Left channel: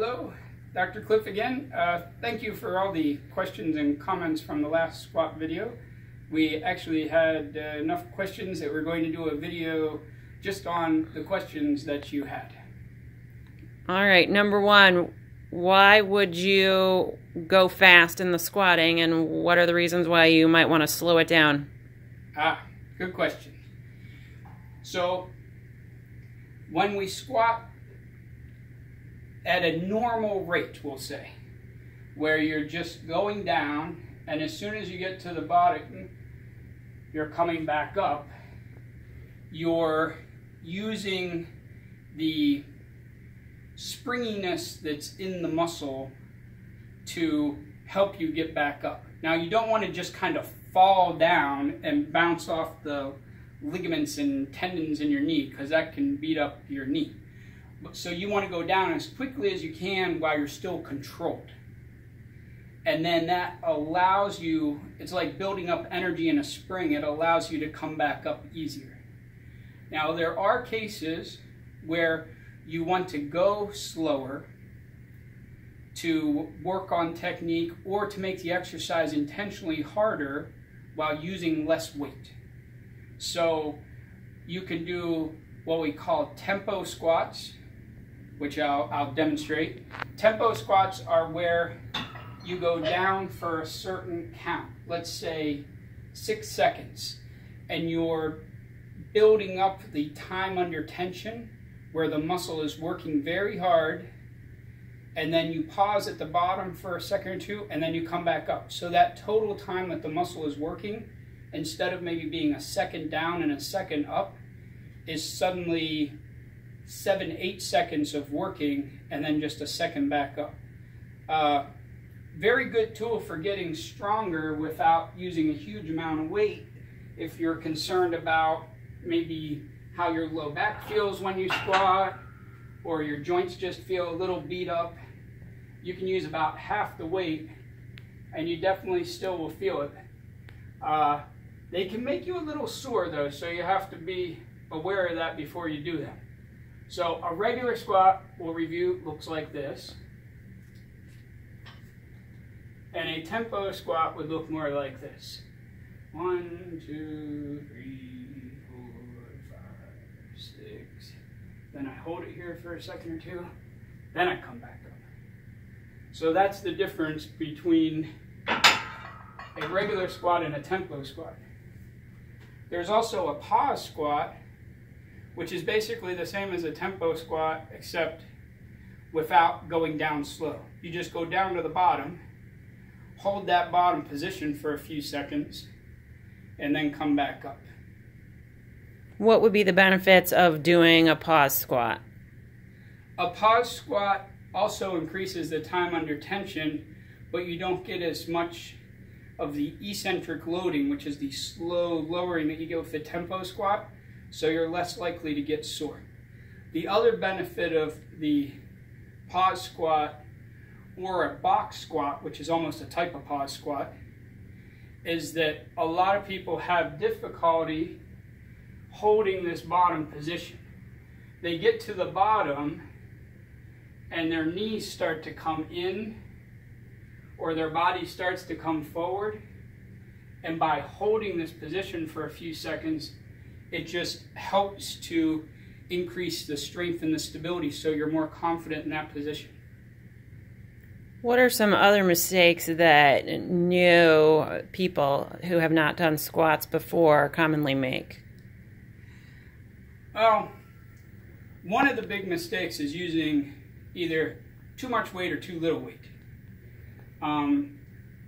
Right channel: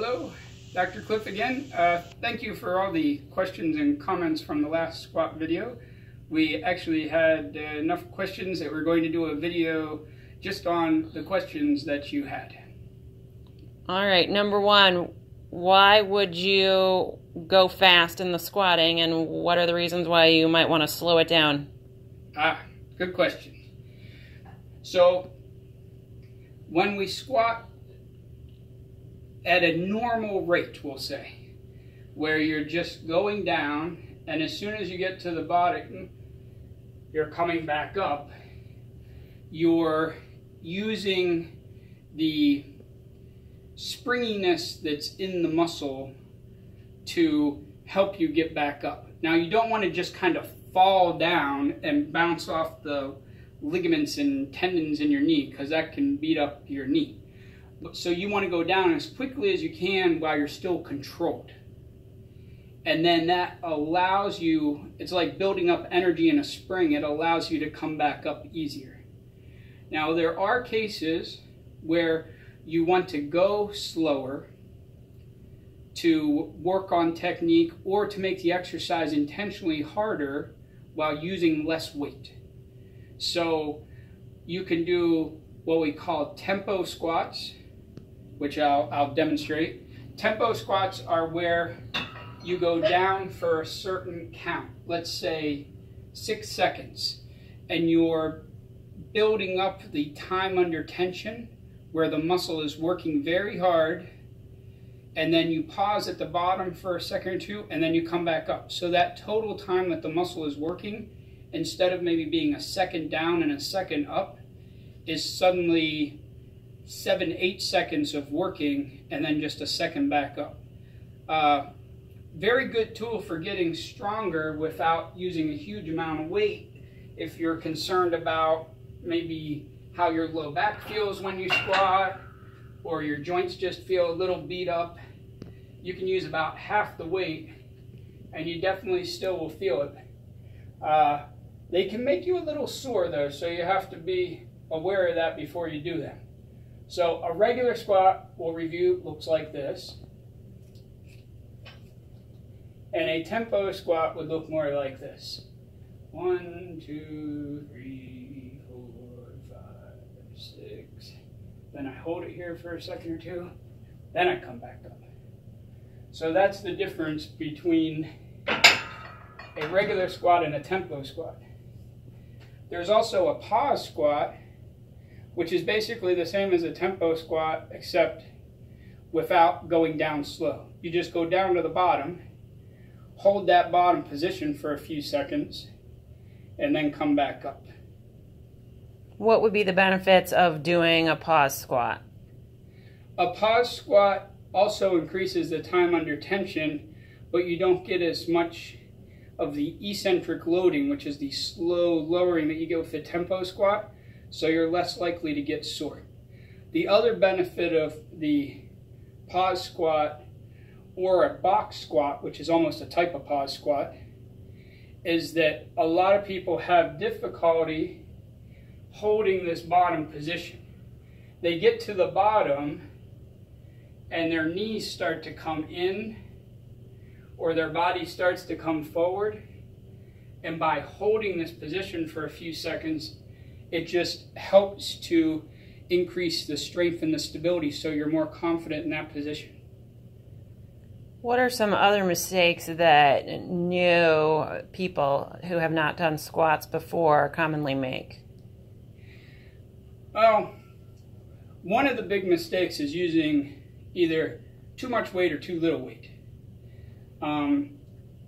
Hello, Dr. Cliff again. Thank you for all the questions and comments from the last squat video. We actually had enough questions that we're going to do a video just on the questions that you had. All right, number one, why would you go fast in the squatting, and what are the reasons why you might want to slow it down? Good question. So when we squat at a normal rate, we'll say, where you're just going down, and as soon as you get to the bottom, you're coming back up, you're using the springiness that's in the muscle to help you get back up. Now, you don't want to just kind of fall down and bounce off the ligaments and tendons in your knee, because that can beat up your knee. So you want to go down as quickly as you can while you're still controlled. And then that allows you, it's like building up energy in a spring, it allows you to come back up easier. Now, there are cases where you want to go slower to work on technique or to make the exercise intentionally harder while using less weight. So you can do what we call tempo squats, which I'll demonstrate. Tempo squats are where you go down for a certain count, let's say 6 seconds, and you're building up the time under tension where the muscle is working very hard, and then you pause at the bottom for a second or two, and then you come back up. So that total time that the muscle is working, instead of maybe being a second down and a second up, is suddenly 7-8 seconds of working and then just a second back up. Very good tool for getting stronger without using a huge amount of weight. If you're concerned about maybe how your low back feels when you squat, or your joints just feel a little beat up, you can use about half the weight and you definitely still will feel it. They can make you a little sore though, so you have to be aware of that before you do them. So a regular squat, we'll review, looks like this. And a tempo squat would look more like this. 1, 2, 3, 4, 5, 6. Then I hold it here for a second or two. Then I come back up. So that's the difference between a regular squat and a tempo squat. There's also a pause squat, which is basically the same as a tempo squat, except without going down slow. You just go down to the bottom, hold that bottom position for a few seconds, and then come back up. What would be the benefits of doing a pause squat? A pause squat also increases the time under tension, but you don't get as much of the eccentric loading, which is the slow lowering that you get with the tempo squat, so you're less likely to get sore. The other benefit of the pause squat or a box squat, which is almost a type of pause squat, is that a lot of people have difficulty holding this bottom position. They get to the bottom and their knees start to come in, or their body starts to come forward, and by holding this position for a few seconds, it just helps to increase the strength and the stability, so you're more confident in that position. What are some other mistakes that new people who have not done squats before commonly make? Well, one of the big mistakes is using either too much weight or too little weight.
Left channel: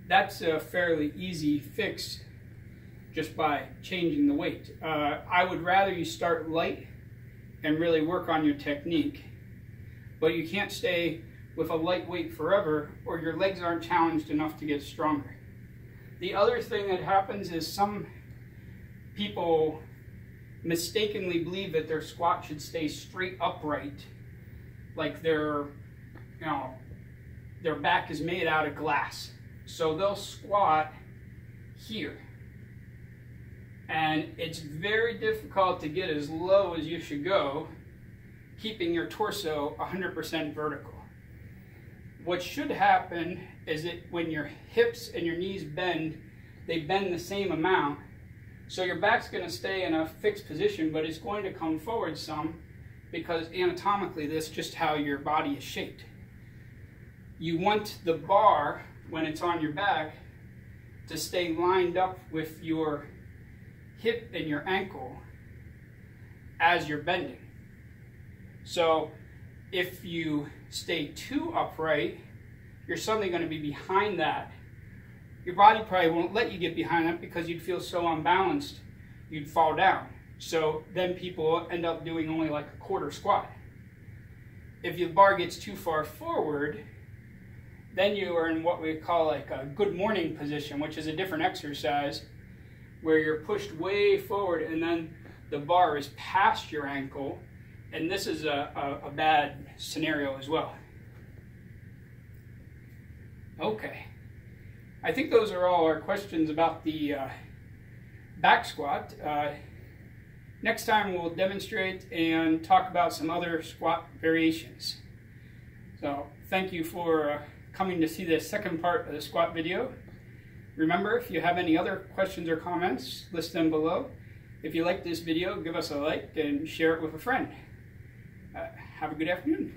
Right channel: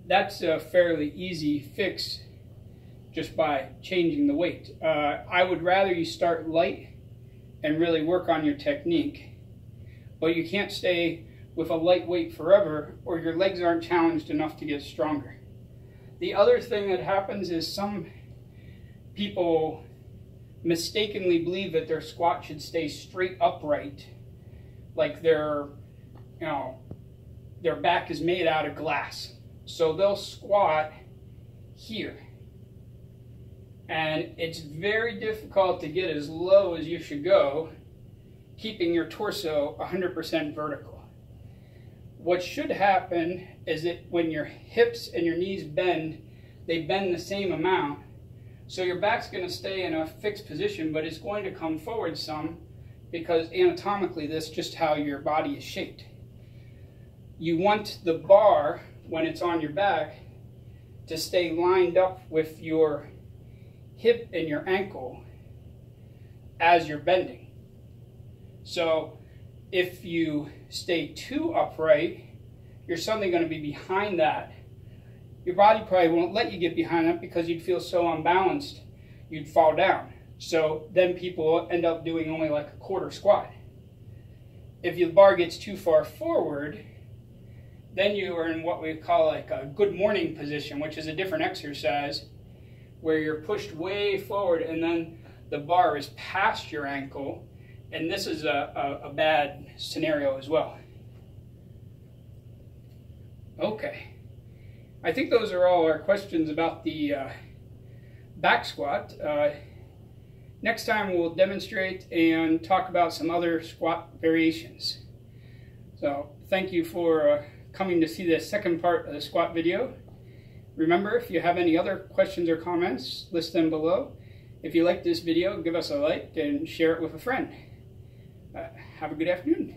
That's a fairly easy fix just by changing the weight. I would rather you start light and really work on your technique, but you can't stay with a light weight forever, or your legs aren't challenged enough to get stronger. The other thing that happens is some people mistakenly believe that their squat should stay straight upright, like their back is made out of glass. So they'll squat here, and it's very difficult to get as low as you should go, keeping your torso 100% vertical. what should happen is that when your hips and your knees bend, they bend the same amount. So your back's going to stay in a fixed position, but it's going to come forward some because anatomically this is just how your body is shaped. You want the bar, when it's on your back, to stay lined up with your hip and your ankle as you're bending. So if you stay too upright, you're suddenly going to be behind that. Your body probably won't let you get behind that because you'd feel so unbalanced, you'd fall down. So then people end up doing only like a quarter squat. If your bar gets too far forward, then you are in what we call like a good morning position, which is a different exercise where you're pushed way forward and then the bar is past your ankle, and this is a bad scenario as well. Okay, I think those are all our questions about the back squat. Next time we'll demonstrate and talk about some other squat variations. So thank you for coming to see the second part of the squat video. Remember, if you have any other questions or comments, list them below. If you like this video, give us a like and share it with a friend. Have a good afternoon.